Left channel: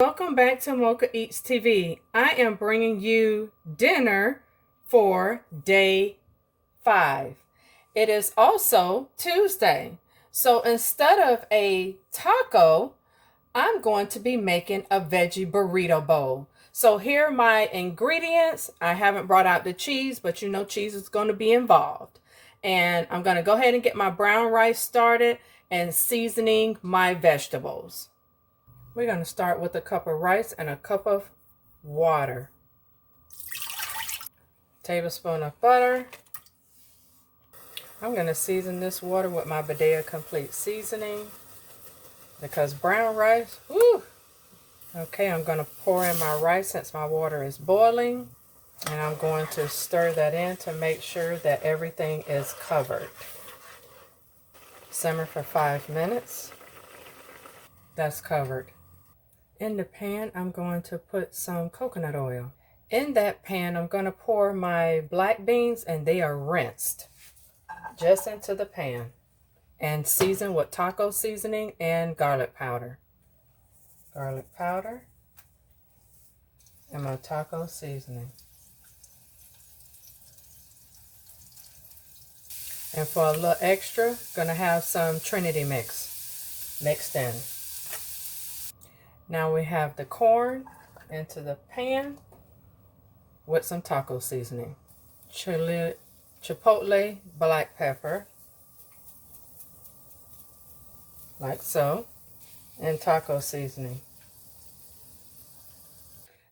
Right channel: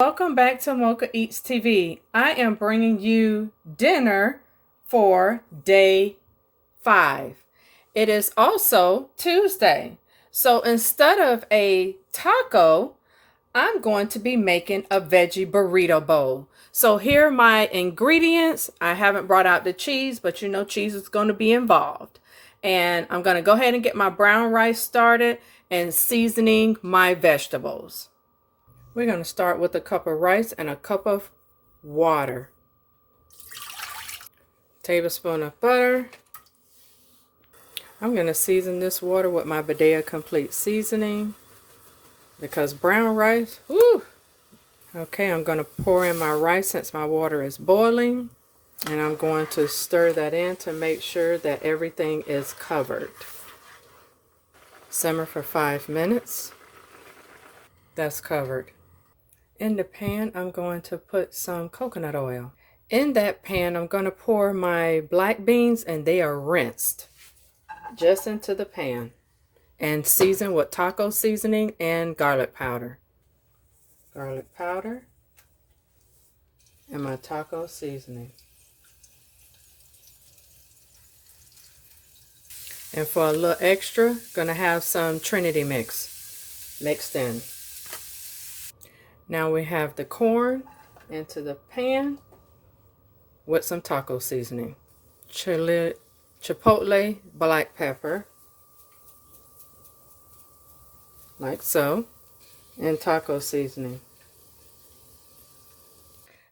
Welcome back to Mochaeatstv. I am bringing you dinner for day 5. It is also Tuesday. So instead of a taco, I'm going to be making a veggie burrito bowl. So here are my ingredients. I haven't brought out the cheese, but you know cheese is going to be involved. And I'm going to go ahead and get my brown rice started and seasoning my vegetables. We're going to start with a cup of rice and a cup of water. Tablespoon of butter. I'm going to season this water with my Badea Complete seasoning because brown rice, woo! Okay, I'm going to pour in my rice since my water is boiling, and I'm going to stir that in to make sure that everything is covered. Simmer for 5 minutes. That's covered. In the pan, I'm going to put some coconut oil. In that pan, I'm going to pour my black beans, and they are rinsed just into the pan and seasoned with taco seasoning and garlic powder. Garlic powder and my taco seasoning. And for a little extra, gonna have some Trinity mix mixed in. Now we have the corn into the pan with some taco seasoning. Chipotle black pepper, like so, and taco seasoning.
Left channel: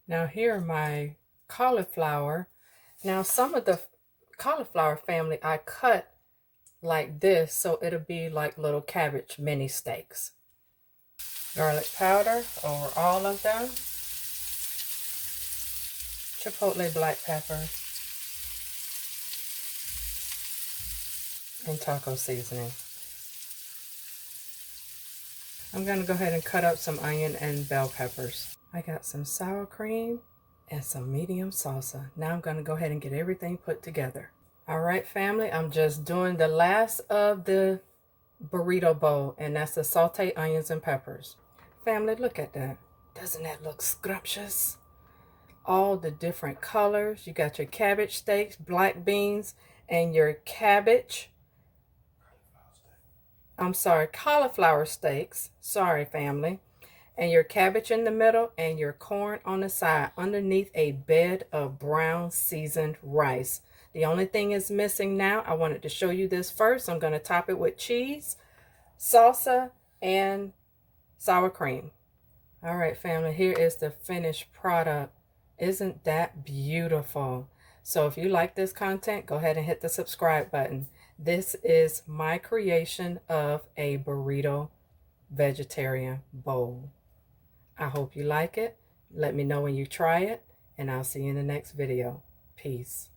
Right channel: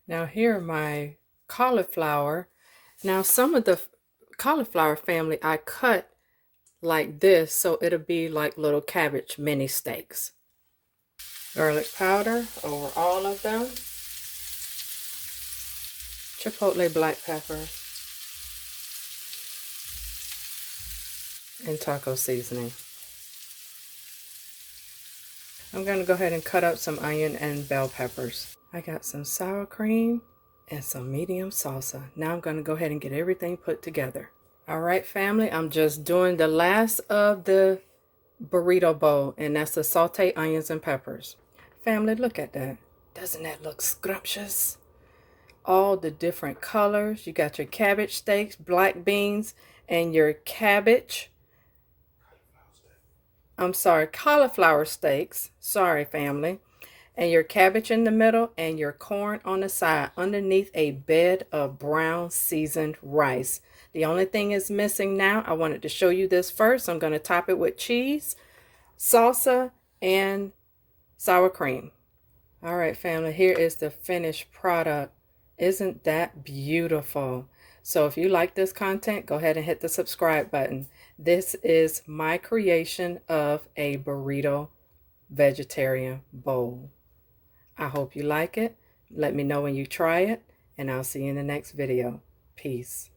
Now here are my cauliflower. Now some of the cauliflower family I cut like this so it'll be like little cabbage mini steaks. Garlic powder over all of them. Chipotle black pepper. And taco seasoning. I'm going to go ahead and cut up some onion and bell peppers. I got some sour cream and some medium salsa. Now I'm going to go ahead and get everything put together. All right, family, I'm just doing the last of the burrito bowl, and that's the sauteed onions and peppers. Family, look at that. Doesn't that look scrumptious? All the different colors. You got your cabbage steaks, black beans, and your cabbage. I'm sorry, cauliflower steaks. Sorry, family. And your cabbage in the middle and your corn on the side underneath a bed of brown seasoned rice. The only thing is missing now, I wanted to show you this first. I'm going to top it with cheese, salsa, and sour cream. All right, family, here is the finished product. Isn't that beautiful? So if you like this content, go ahead and hit the subscribe button. This is my creation of a burrito vegetarian bowl. I hope you like it. Let me know when you try it, and I'll see you in the next video. Peace.